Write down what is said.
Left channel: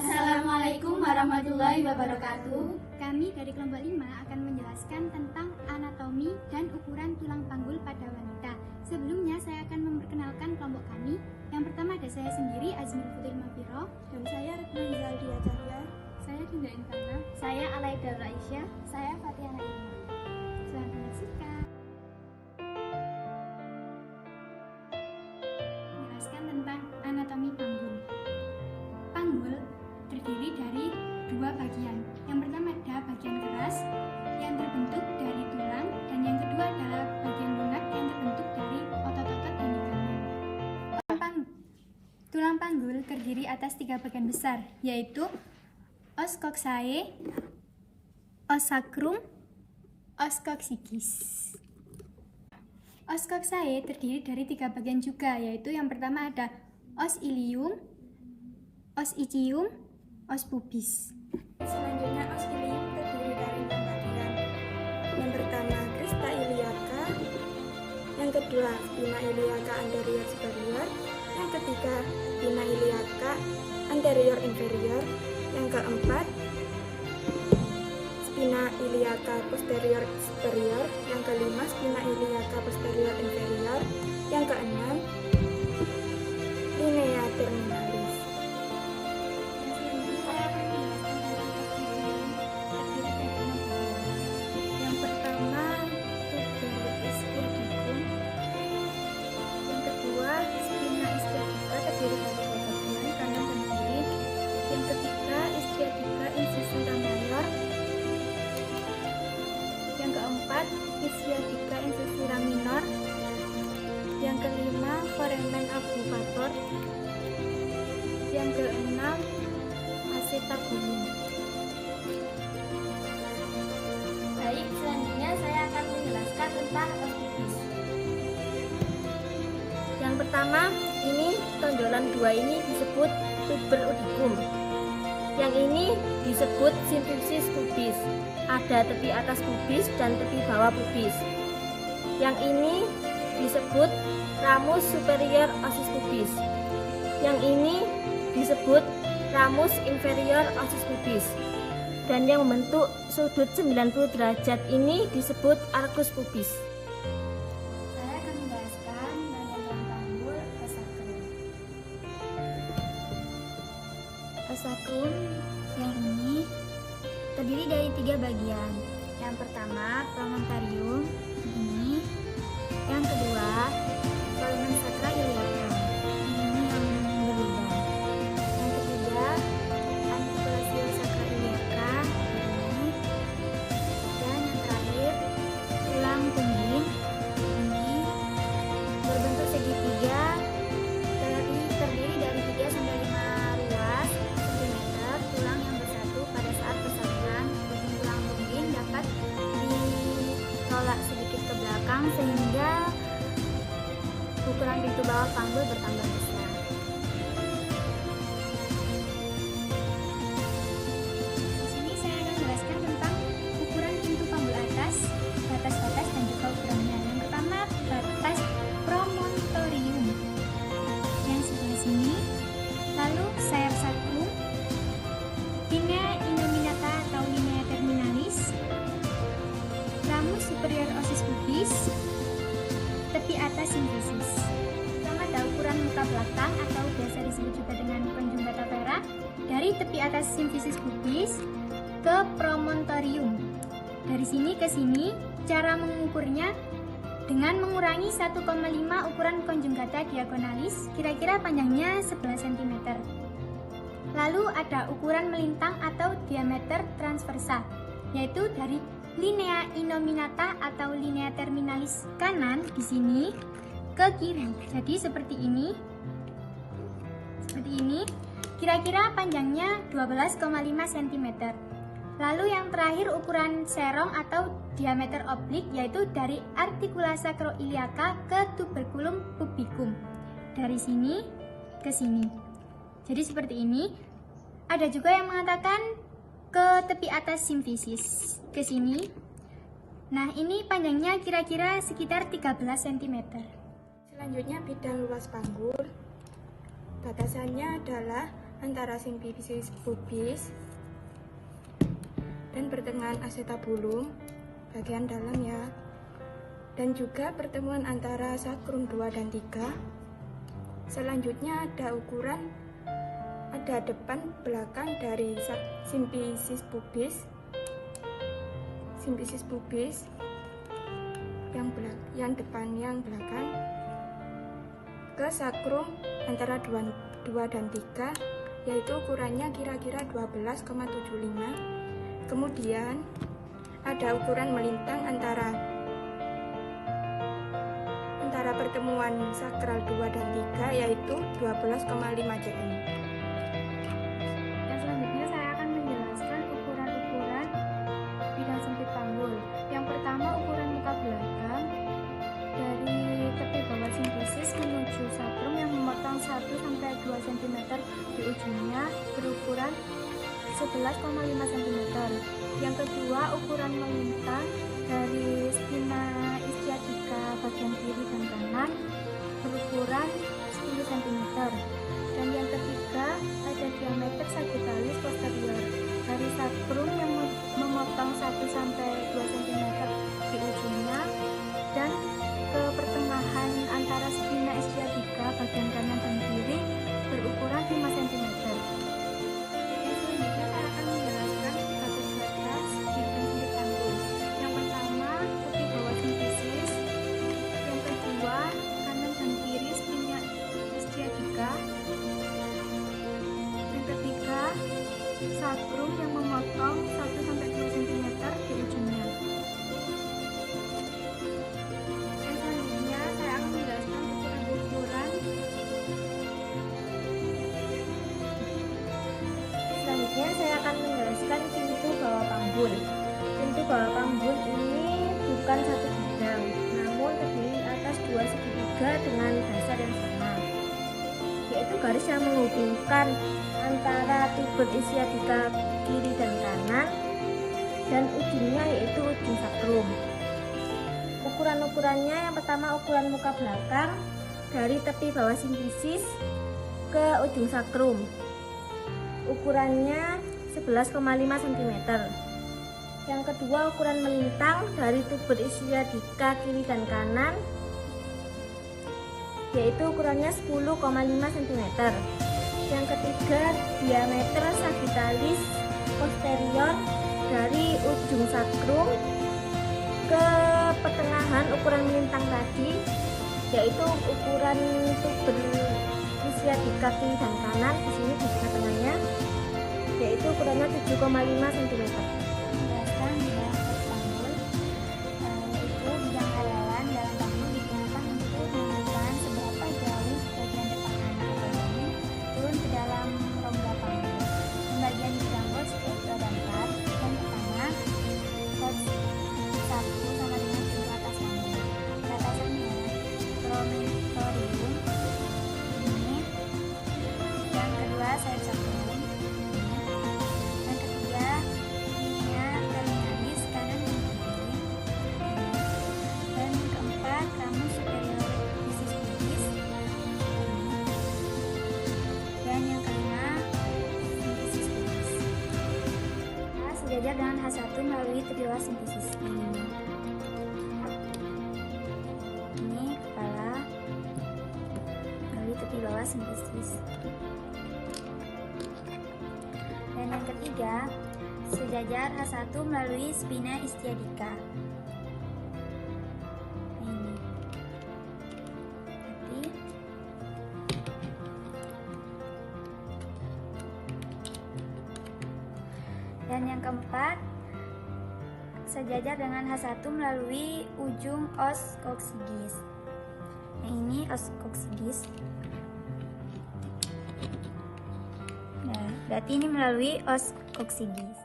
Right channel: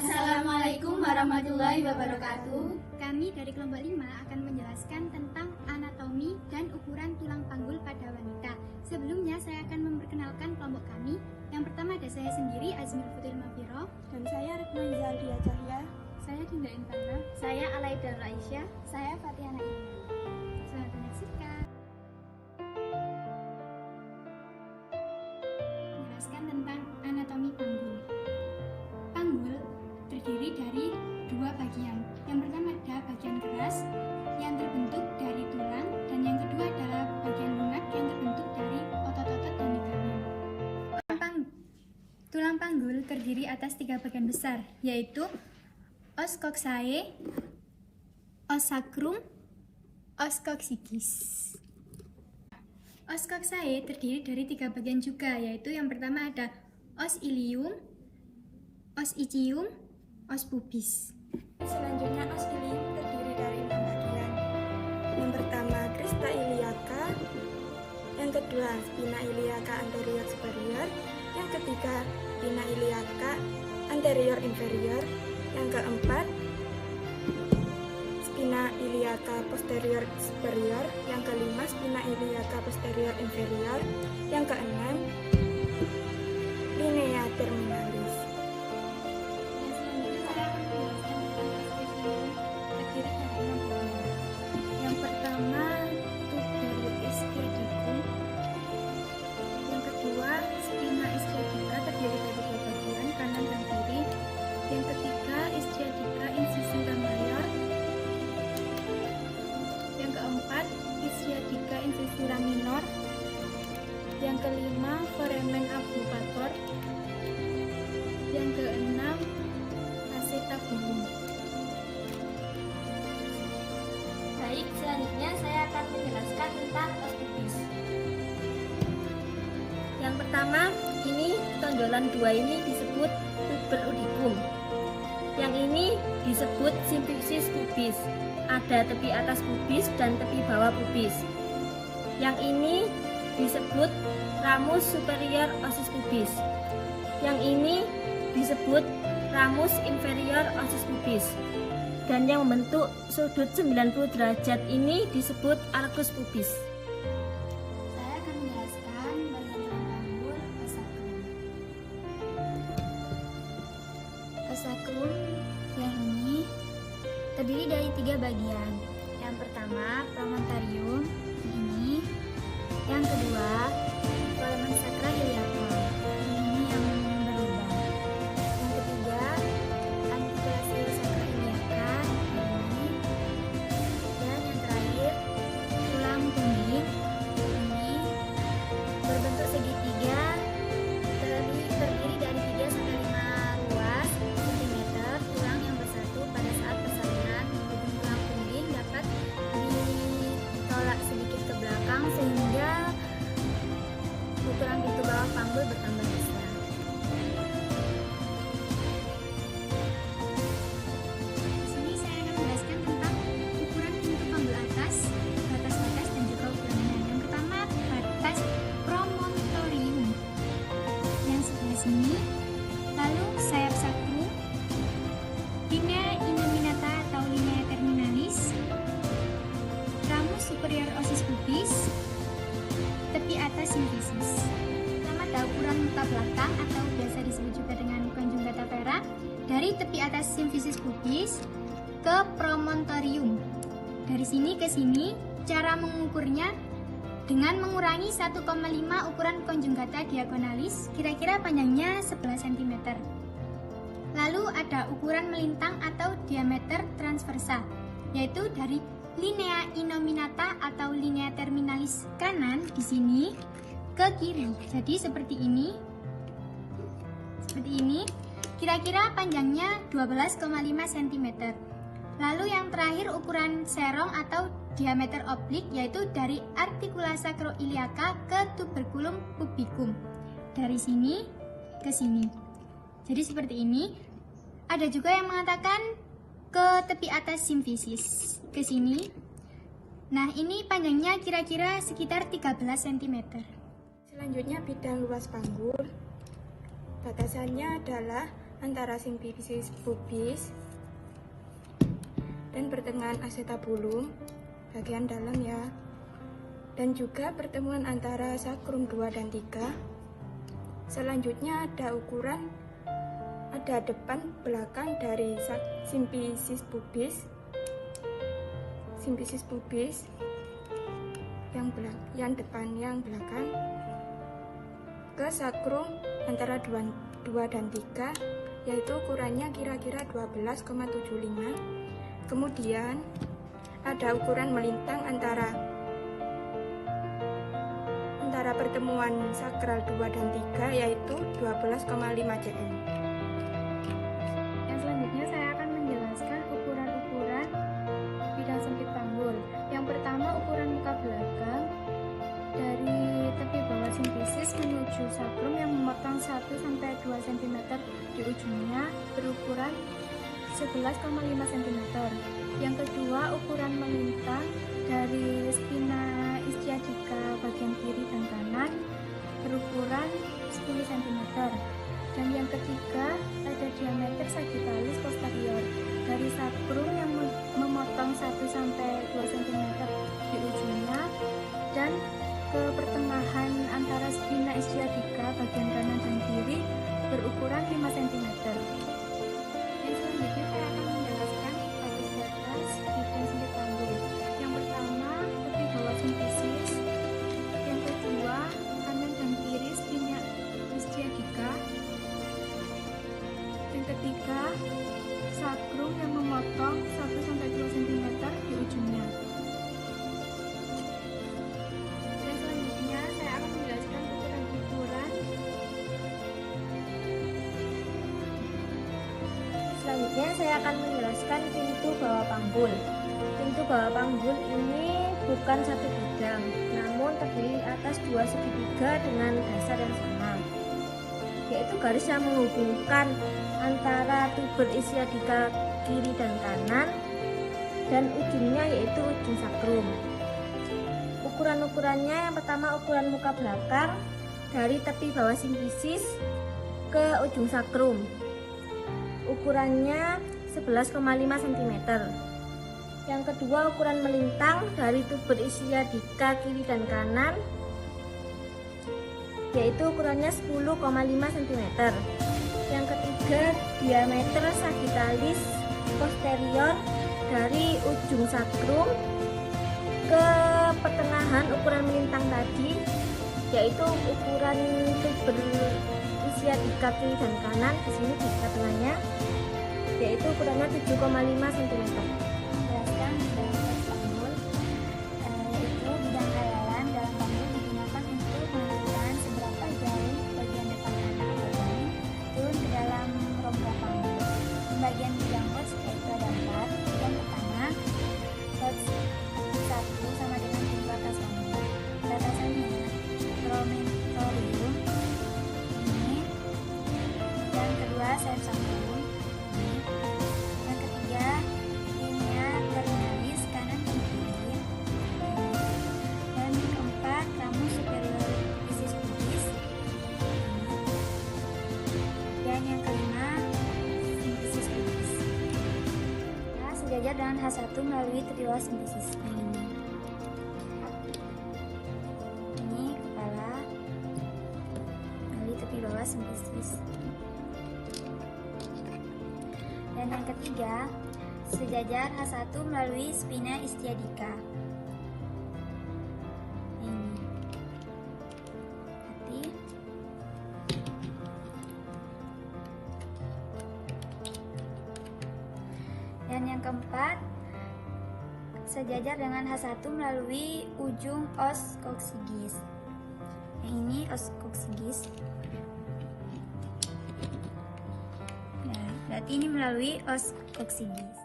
Assalamualaikum warahmatullahi wabarakatuh. Kami dari kelompok 5 akan menjelaskan tentang anatomi dan ukuran tulang panggul pada wanita. Sebelumnya saya akan memperkenalkan kelompok kami. Yang pertama ada saya sendiri, Azmi Putri Mafiro. Dan saya Retno Zaldia Cahya. Saya Dinda Intana. Saya Alaida Raisya. Saya Fatiana Ilma. Selamat menyaksikan. Menjelaskan tentang anatomi panggul. Panggul terdiri dari dua bagian. Yang pertama ada bagian keras yang terbentuk dari tulang, dan yang kedua adalah bagian lunak yang terbentuk dari otot-otot dan ligamen. Tulang panggul terdiri atas 3 bagian besar, yaitu os coxae, os sacrum, os coccygeus. Os coxae terdiri dari 3 bagian juga, yaitu yang pertama ada os ilium, os ischium, os pubis. Selanjutnya os ilium terdiri dari 6 bagian. Yang pertama crista iliaca, yang kedua spina iliaca anterior superior, yang ketiga spina iliaca anterior inferior, yang keempat spina iliaca posterior superior, yang kelima spina iliaca posterior inferior, yang keenam linea terminalis. Yang selanjutnya saya akan menjelaskan tentang ostium terdiri dari 6 bagian. Yang pertama tuber ischiadicum, yang kedua spina ischiadica terdiri dari 2 bagian, kanan dan kiri, yang ketiga ischiadica incisura mayor, yang keempat ischiadica incisura minor, yang kelima foramen abductor, yang keenam acetabulum. Baik, selanjutnya saya akan menjelaskan tentang os pubis. Yang pertama, ini tonjolan 2 ini disebut tuber udicum. Yang ini disebut simfisis pubis. Ada tepi atas pubis dan tepi bawah pubis. Yang ini disebut ramus superior osis pubis. Yang ini disebut ramus inferior osis pubis. Dan yang membentuk sudut 90 derajat ini disebut arcus pubis. Saya akan menjelaskan bagian tulang panggul os sacrum. Os sacrum yang ini terdiri dari 3 bagian. Yang pertama promontorium ini, yang kedua foramen sacra iliaca ini yang berlubang, yang ketiga articulatio sacra iliaca ini, dan yang terakhir tulang tungging ini berbentuk segitiga, terdiri dari 3 sampai 5 ruas sentimeter tulang yang bersatu. Pada saat persalinan ujung tulang tungging dapat ditolak sedikit ke belakang sehingga ukuran pintu bawah panggul bertambah besar. Di sini saya akan menjelaskan tentang ukuran pintu panggul atas, batas-batas dan juga ukurannya. Yang pertama batas promontorium yang sebelah sini, lalu sayap sacrum, linea innominata atau linea terminalis, ramus superior osis pubis, tepi atas simfisis. Pertama ada ukuran muka belakang atau biasa disebut juga dengan conjugata vera, dari tepi atas simfisis pubis ke promontorium. Dari sini ke sini, cara mengukurnya dengan mengurangi 1,5 ukuran conjugata diagonalis, kira-kira panjangnya 11 cm. Lalu ada ukuran melintang atau diameter transversa, yaitu dari linea innominata atau linea terminalis kanan di sini ke kiri. Jadi seperti ini. Kira-kira panjangnya 12,5 cm. Lalu yang terakhir ukuran serong atau diameter oblik, yaitu dari articula sacroiliaca ke tuberculum pubicum. Dari sini ke sini. Jadi seperti ini. Ada juga yang mengatakan ke tepi atas simfisis, ke sini. Nah, ini panjangnya kira-kira sekitar 13 cm. Selanjutnya bidang luas panggul. Batasannya adalah antara simfisis pubis dan pertengahan acetabulum bagian dalam ya. Dan juga pertemuan antara sakrum 2 dan 3. Selanjutnya ada ukuran, ada depan belakang dari simfisis pubis yang depan yang belakang ke sakrum antara 2 dan 3, yaitu ukurannya kira-kira 12,75. Kemudian ada ukuran melintang antara pertemuan sakral 2 dan 3, yaitu 12,5 cm. Yang selanjutnya saya akan menjelaskan ukuran-ukuran bidang sempit panggul. Yang pertama, ukuran muka belakang dari tepi bawah simfisis menuju sakrum yang memotong 1-2 cm di ujungnya berukuran 11,5 cm. Yang kedua, ukuran melintang dari spina ischiadica bagian kiri dan kanan berukuran 10 cm. Dan yang ketiga, ada diameter sagittalis posterior dari sakrum yang memotong 1-2 cm di ujungnya dan ke pertengahan antara spina ischiadica bagian kanan dan kiri berukuran 5 cm. Yang selanjutnya saya akan menjelaskan batas-batas bidang sempit panggul. Yang pertama, tepi bawah simfisis. Yang kedua, kanan dan kiri spina ischiadica. Yang ketiga, sakrum yang memotong 1-2 cm di ujungnya. Yang selanjutnya saya akan menjelaskan ukuran-ukuran. Selanjutnya saya akan menjelaskan pintu bawah panggul. Pintu bawah panggul ini bukan satu bidang, namun terdiri atas 2 segitiga dengan dasar yang sama, yaitu garis yang menghubungkan antara tuber ischiadica kiri dan kanan dan ujungnya yaitu ujung sakrum. Ukuran-ukurannya, yang pertama ukuran muka belakang dari tepi bawah simfisis ke ujung sakrum. Ukurannya 11,5 cm. Yang kedua, ukuran melintang dari tuber ischiadica kiri dan kanan, yaitu ukurannya 10,5 cm. Yang ketiga, diameter sagittalis posterior dari ujung sakrum ke pertengahan ukuran melintang tadi, yaitu ukuran tuber ischiadica kiri dan kanan di sini di tengah-tengahnya, yaitu ukurannya 7,5 cm. Menjelaskan bidang sempit panggul, yaitu bidang hayalan dalam panggul digunakan untuk menentukan seberapa jauh bagian depan anak atau janin turun ke dalam rongga panggul. Pembagian bidang HOTS yaitu ada 4. Yang pertama, HOTS 1 sama dengan pintu atas panggul. Batasannya promontorium ini. Yang kedua, sayap sakrum ini. Yang ketiga, linea terminalis kanan dan kiri ini. Dan keempat, ramus superior fisis pubis ini. Dan yang kelima, simfisis pubis. Sejajar dengan H1 melalui tepi bawah simfisis. Ini kepala melalui tepi bawah simfisis. Dan yang ketiga, sejajar H1 melalui spina ischiadica. Ini. Hati. Dan yang keempat, sejajar dengan H1 melalui ujung os koksigis. Yang ini os koksigis. Nah, berarti ini melalui os koksigis.